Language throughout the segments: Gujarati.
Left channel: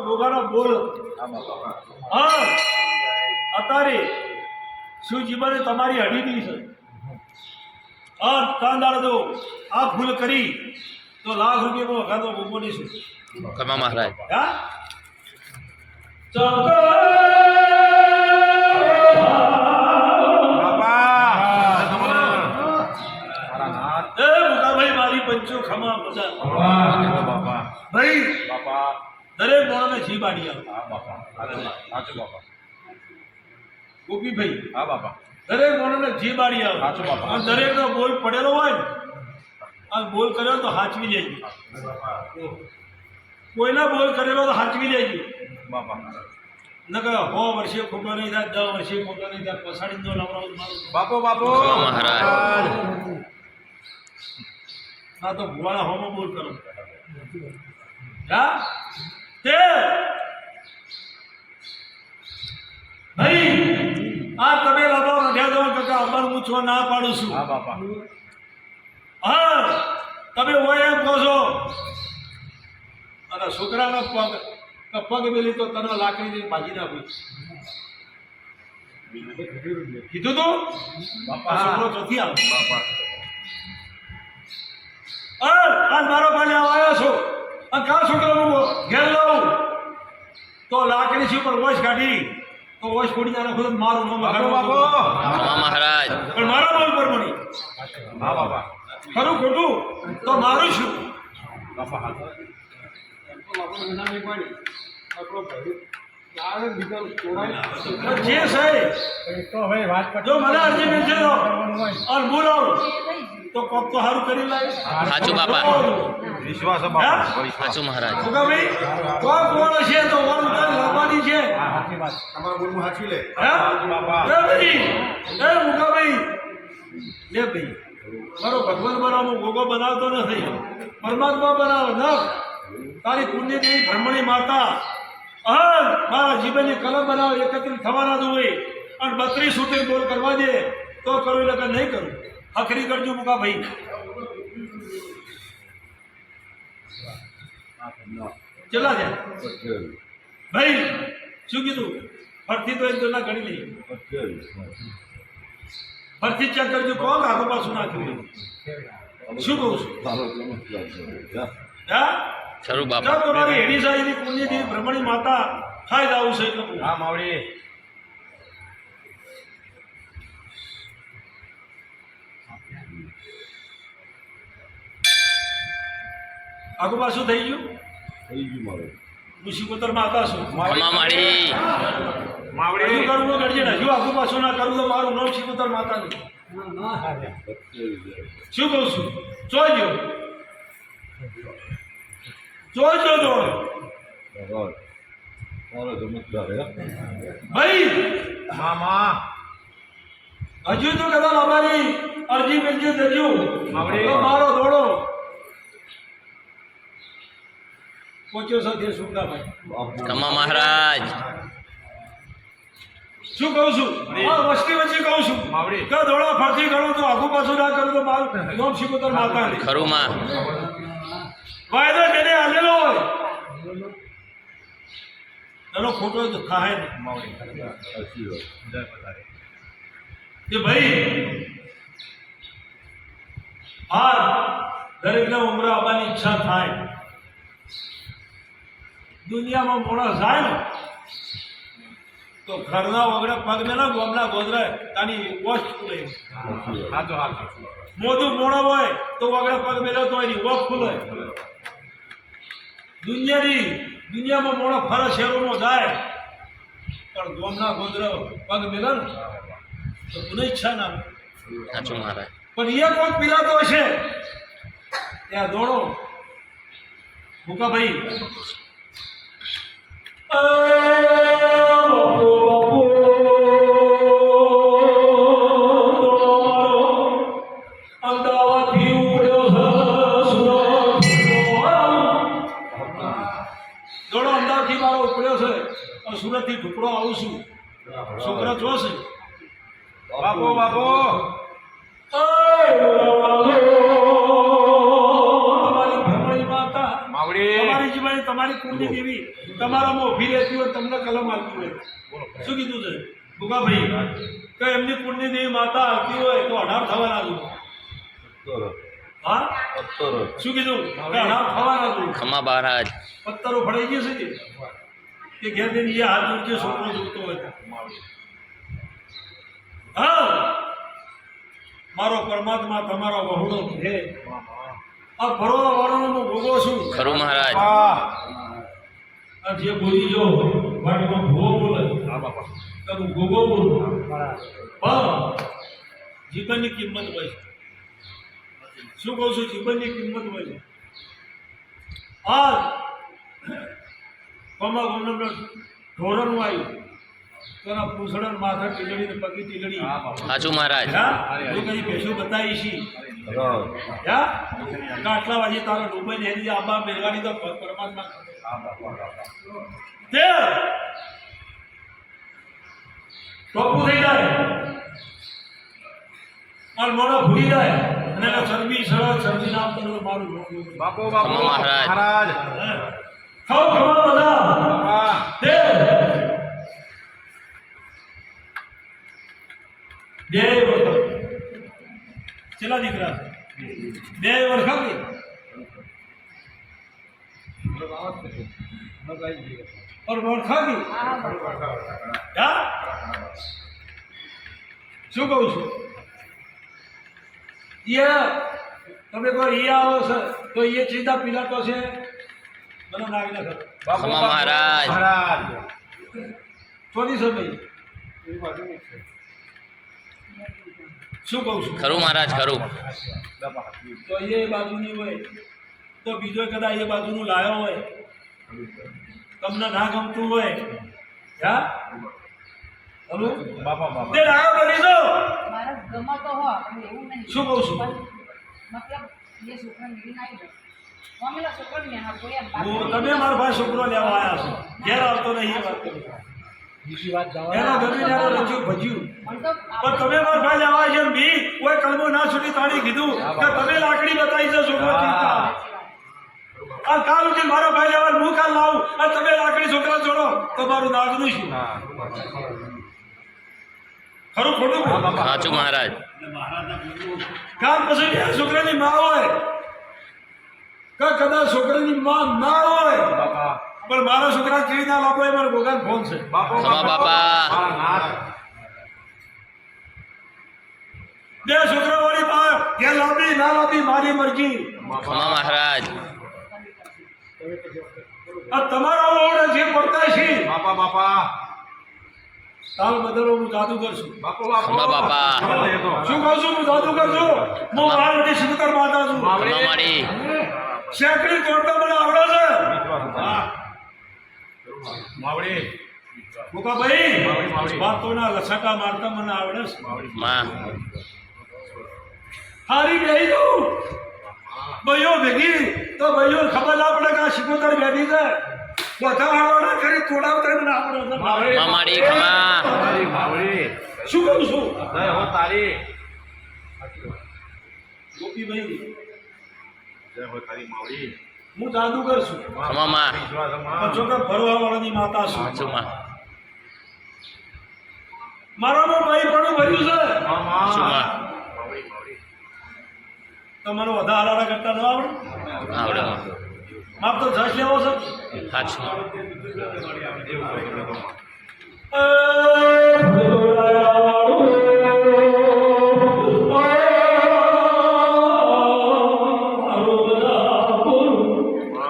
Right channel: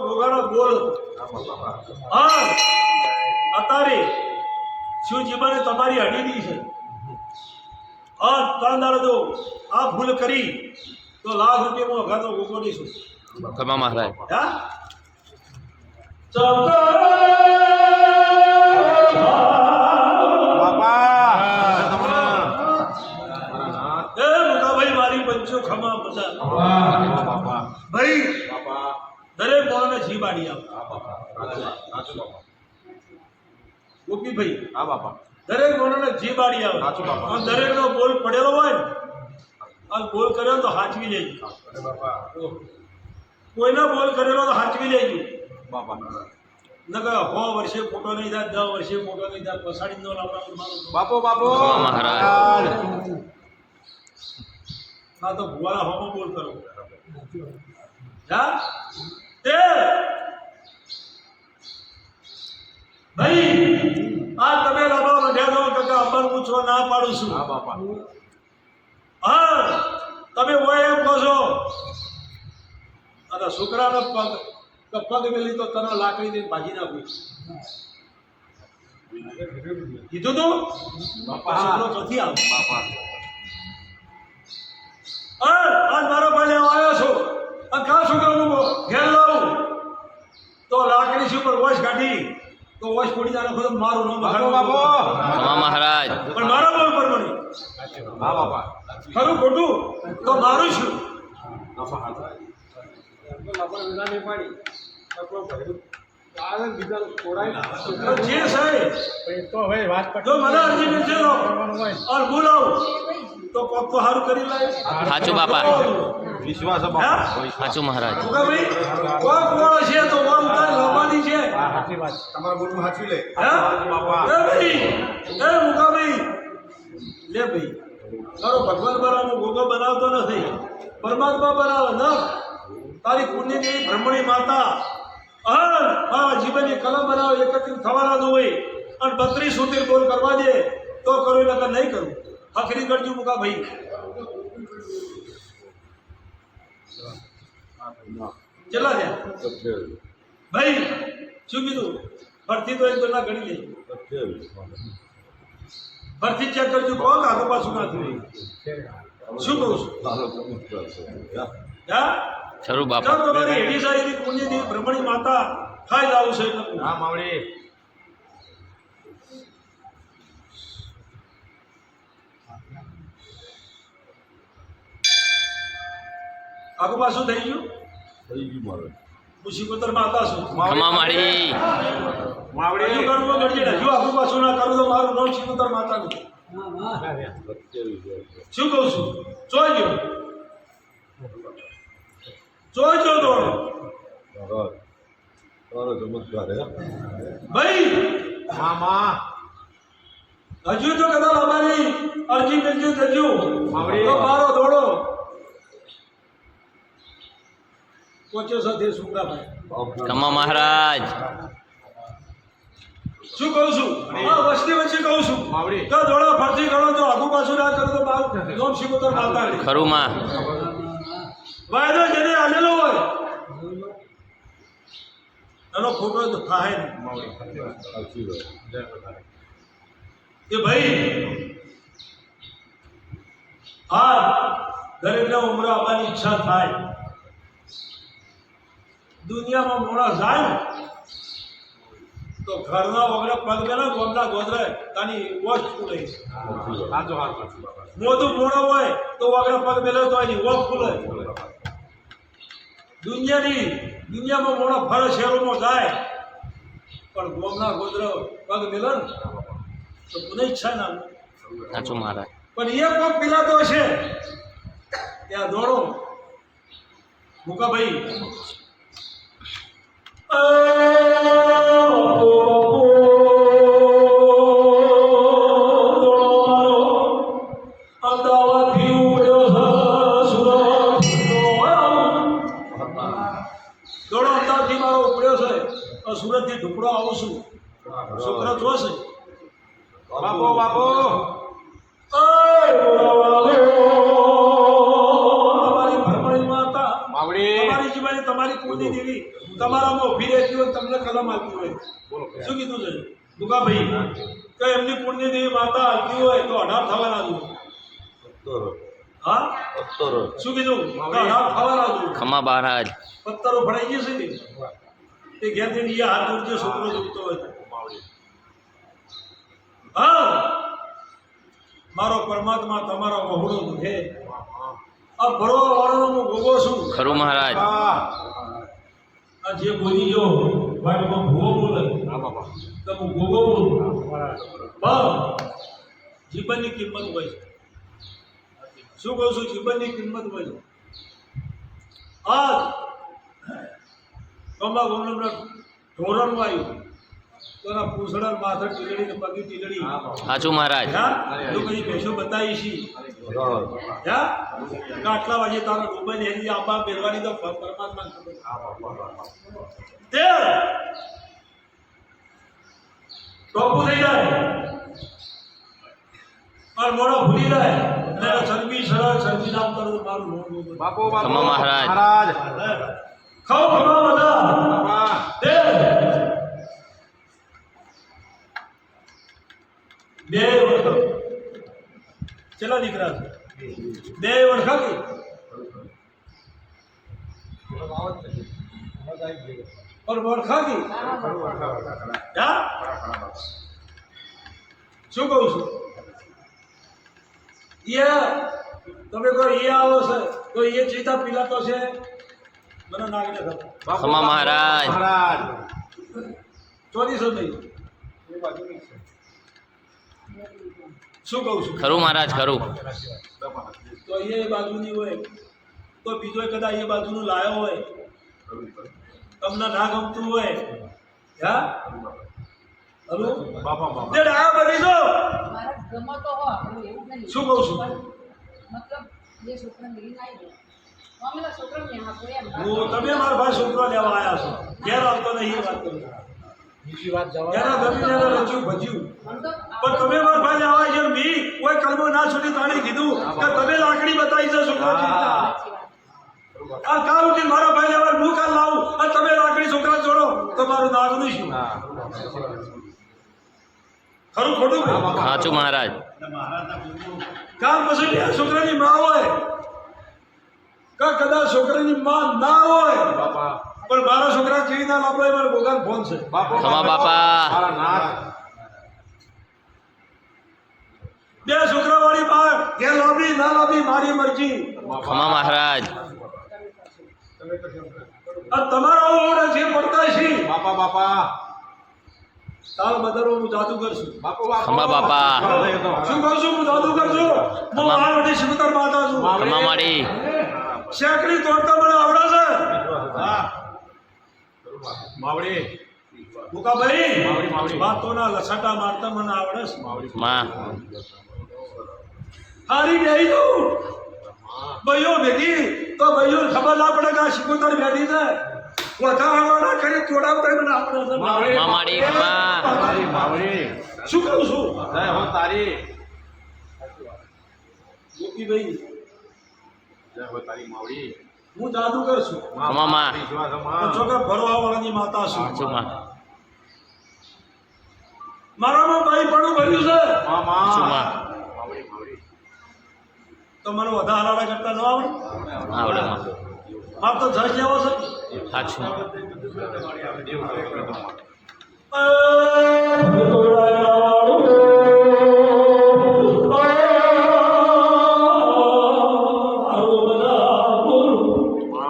ગોગાનો બોલ હા અત્યારે શિવજીમાને તમારી હડીદી છે અને ત્રણ દાડો જો આ ભૂલ કરી તો લાખ રૂપિયામાં વખાતો ગોગો દઈશું ખમા મહારાજ હા મારી પંચો ખમા બધા ભાઈ દરેક મોણને જી બાડી આવે ગોપીભાઈ હા બાપા દરેક મોણને જી બાડી આવે સાચું બાપા. અને દરેકનો બોલ પડેલો હોય ને અને બોલ કર્યો તો હાચવી લેજો કોઈના બોલ કરેલો તો હાચવી લેજો બાપા નકર 100 વર્ષે ખોટો નહીં થાય 10 વર્ષે ખોટો નહીં થાય પસાડી નો લાવરાવ મારું બાપો બાપો ખમા મહારાજ ના તો ભુવાળા હોમો બોલ કરો હા તે ભાઈ આ તમે લાવો રઢ્યા દો કાકા અમર પૂછવા ના પાડું છું હા બાપા હા તમે હોય એમ કહો છો અને છોકરાના પગ મેલી તો તને લાકડી દઈને ભાજી નાખ્યું કીધું તું બાપા છોકરો ચોથી આવે બાપા આજ મારો ભાઈ આવ્યો છો અને કા છોકરાનું ઘેર લાવું તો લાકડી છે ઉપર વોશ કાઢી તો વોશ ફોડી નાખો તો મારું નામ બાપો બાપો ખમા મહારાજ પણ મારા બોલ પર મળી હા બાપા ખરું ખોટું તો મારું શું બાપા હા જે સાહેબ જો મને અરજી મેં છે અને બોલાવો તો કોક તો સારું કરી લાવે સાચું બાપા વિશ્વાસ છે બાપા વિશ્વાસ સાચું મહારાજ ભાઈ કોક કોણ છે તો મારું કાંઈ લાવવાની છે તમારા બોલમાં સાચી લે હે? બાપા એ ભાઈ એ મુકાભાઈ લે ભાઈ મારો ભગવાન બનાવો ગોગો બનાવતો નથી પરમાત્મા બનાવો ન તારી પુણ્યની બ્રહ્મણી માતા અહન મારા જીવનની કલમ બનાવો એકત્રિત થવાના જ હોય અને 32 સુધીર બોલ કરવા દે તો કરું એટલે નહીં કરું હખરી કરજો મુકાભાઈ ચલા ગયા ભાઈ શું કીધું ફરતી તો એક દોલા ગણી લઈ ફરતી ચેક કરજો કોણ આગો પાછું નાખ્યું શું કહું છું હા ખરું જો બાપા તમારી હેડી સાહેબની પુણ્યની બ્રહ્મણી માતા ખાઈ જાવ છે એટલે હા માવડી આગો પાછું થઈ ગયું મુસીબતર માતા છું ખમા માડી માવડી હજુ કરવું ગઢિયે હજુ આગો પાછું ના કરવું તો મારું નામ શિકોતર માતા નહીં શું કહું છું જોઈજો જોઈજો દોડો ભાઈ મામા હજુ તો કદાચ અમારી અરજી મંજૂર થજો માવડી. તો મારો દોડો પહોંચ્યો સાથે સુંદરાભાઈ ખમા મહારાજ શું કહું છું આ વસ્તી વચ્ચે કહું છું માવડી. કે દોડો ફરતી ગણો તો આગુ પાછું ના કરું તો મારું નોમ શિકોતર માતા નહીં ખરું માં વાયદો જેને આલેલો હોય એનો ખોટો તો થાય નહીં માવડી કે ભાઈ આ દરેકના ઉમરે આવવાની ઈચ્છા થાય દુનિયામાં મોડા જાય ને તો ઘરના વગડે પગ ના ગોમના ગોદરે તાની વોશ ખુલે હાચો હાચો મોઢું મોડો હોય તો વગડે પગ મેલે તો એની વોશ ખુલે દુનિયામાં મોડો ફરે શહેરોમાં જાય પણ ગોમના ગોદરે પગ મેલે ને તો કોને ઈચ્છા ના આવે સાચું મહારાજ પણ એ કોક પીલાતો હશે ત્યાં દોડો મુકાભાઈ અમદાવાદથી ઉડ્યો દોડો અમદાવાદથી મારો ઉપડ્યો છે સુરતથી ઢુકડો આવું છું છોકરા જોશે બાપો બાપો તમારી ભરમણી માતા માવડી તમારી જીવાય તમારી તારી કુળની દેવી તમારામાં ઊભી રહેતી હોય તમને કલમ આવતી હોય બોલો શું કીધું છે ભૂકાભાઈ કે એમની કુળની દેવી માતા આવતી હોય તો 18 થવાના છું હા શું કીધું કે 18 થવાના છું ખમા મહારાજ પત્તરો ફળાઈ ગયા છે ને એ ઘેર જઈને એ હાથ જોડજો છોકરો જોગતો હોય તો. માવડી હા મારો પરમાત્મા તમારો વહુડો છે આ ફરવા વાળાનો હું ભોગો છું ખરું મહારાજ આ જે બોલી જો વાટમાં ભોગો બોલે હા બાપા તો હું ભોગો બોલું જીવનની કિંમત હોય છે શું કહું છું જીવનની કિંમત હોય છે આ કમા ગોમના ઢોરણનું આવ્યું તો એના પૂંછડા માથા ટીલડી ને પગી ટીલડી હા બાપા સાચું મહારાજ જો કઈ ભેંસો બતાવી છી આટલા વાગે તારા ડૂબાઈ ને એની આંબા મેળવાની તો પરમાત્મા ખબર. હા બાપા તે ટોપું થઈ જાય માર મોડો ભૂલી જાય અને એનો શરમી સરળ શરમી નામ કરો તો મારું મોઢું બાપો ખમા બાપો મહારાજ. મહારાજ ખાઓ ખમા બધા બાપા તે બે વખત ચલા દીકરા બે વખત और वरखा की क्या શું કહું છું એ તમે કહો એ આવો છે તો એ ચીતા પીલાતો છે મને નાગને ખબર બાપો ખમા મહારાજ. મહારાજ ચોથી સમય શું કહું છું ખરું મહારાજ ખરું બાપા તો એ બાજુની હોય તો બીજો કદાચ એ બાજુનું લાયો હોય તમને ના ગમતું હોય હા હલો બાપા બાપા તે ડાયો બની દો મારા ગમતો હો પણ એવું નહીં શું કહું છું? પણ મતલબ એ છોકરાને લઈને આવી ગયો મમ્મીના છોકરાને ને હા કોઈ એમ વાત હું તમે મારા ભાઈ છોકરો લેવા આવ્યા છો ઘેર આવતો નહીં એ વાત કરું એનો ગમીને એનો રચ્યું ભજ્યું પણ તો પણ તમે મારા ભાઈ લેવા આવ્યા છો બી કોઈ કલમો ના છૂટી તાળી કીધું કે તમે લાકડી બતાવી છે છોકરો ચિંતા સાચી વાત આ કાલ ઉઠીને મારા ભાઈ લેવા હું કાલ લાવું અને તમે લાકડી છોકરા જોડો તો મારું નાગનું શું હા ખરું ખોટું હા બાપા સાચું મહારાજ કાલ પછી કે છોકરાની માં હોય કે કદાચ છોકરાની માં ના હોય બાપા પણ મારા છોકરા કેવી ના લાવો એ મારો ભોગાન ફોન છે બાપો ખમા બાપા. મારા નાથ બે છોકરા વાળી બહાર કે લાંબી ના લાંબી મારી મરજી ખમા મહારાજ આ તમારા ઓળે જે પડતા છે બાપા બાપા તાલ બદલો હું જાદુ કરશું બાપો બાપો ખમા બાપા. શું કહું છું હું જાદુ કરશું હું આ બધી શંકર માતા છું ખમા માડી શેકડી તોડતા મને આવડે છે હા માવડી મુકાભાઈ માવડી, માવડી. વાતોના લસાટા મારતા મને આવડે છે માવડી માં હારી બેહી દઉં ભાઈઓ ભેગી તો ભાઈઓ ખબર ના પડે કે આ શિકોતર બેઠી છે કોથા વાળવાના કરી તોડાવતા મને આવડે છે માવડી. ખમા માડી ખમા મારી માવડી શું કહું છું જય હો તારી ગોપીભાઈ જય હો તારી માવડી હું જાદુ કરશું ખમા માં. વિશ્વાસ પણ માં છોકરા ભરવા વાળાની માતા છું સાચું માં મારામાં ભાઈ પણ ભર્યું છે મામા સાચું માં માવડી માવડી તો મને વધારે હાલાડા કરતા ન આવડે આવડે માં માર તો જશ લેવો છે સાચું એવું કરે કરે મામા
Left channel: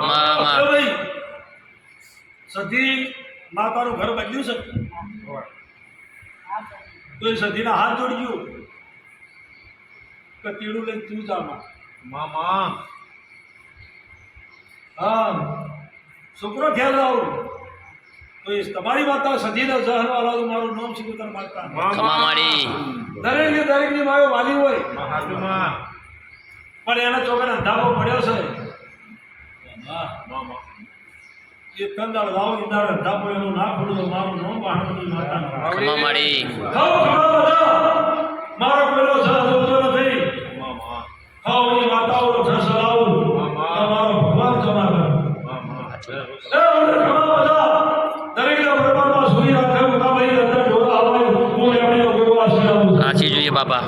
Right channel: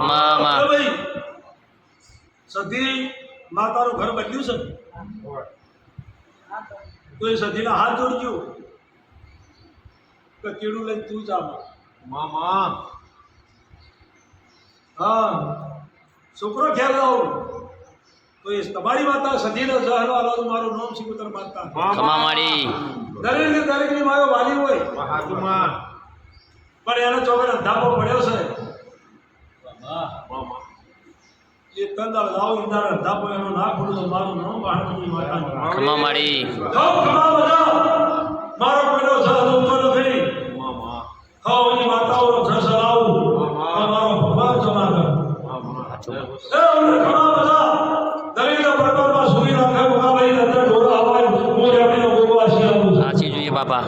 માં માં સધી માતાનું ઘર બદલ્યું છે હા તો તો એ સધીના હાથ જોડજો કે તીડું લઈને તું જામાં મામા હા છોકરો ખ્યાલ રાહુ તો એ તમારી માતા સધીને સહન વાળા મારું નામ શિકોતર માતા ખમા માડી દરેકની માયો વાલી હોય હાજુમાં પણ એના ચોકને અંધાપો પડ્યો છે મામા એ તંદાળ લાવો ઇનાર અંધાપો એનું ના ખોલું તો મારું નામ પાણવની માતા ખમા માડી ખાઓ ખમા બધા મારો પેલો સહન નથી મામા ખાઓ એની માતાઓ જસ લાવું મામા. મારો ભગવાન જમા કર મામા મને ઘણા બધા દરેકના પરમાત્મા સુખી રાખે મુકાભાઈ અંદર ઢોરા આવાય હું એમની ગોગો આશીર્વાદ આપું છું. આછી જોઈએ બાપા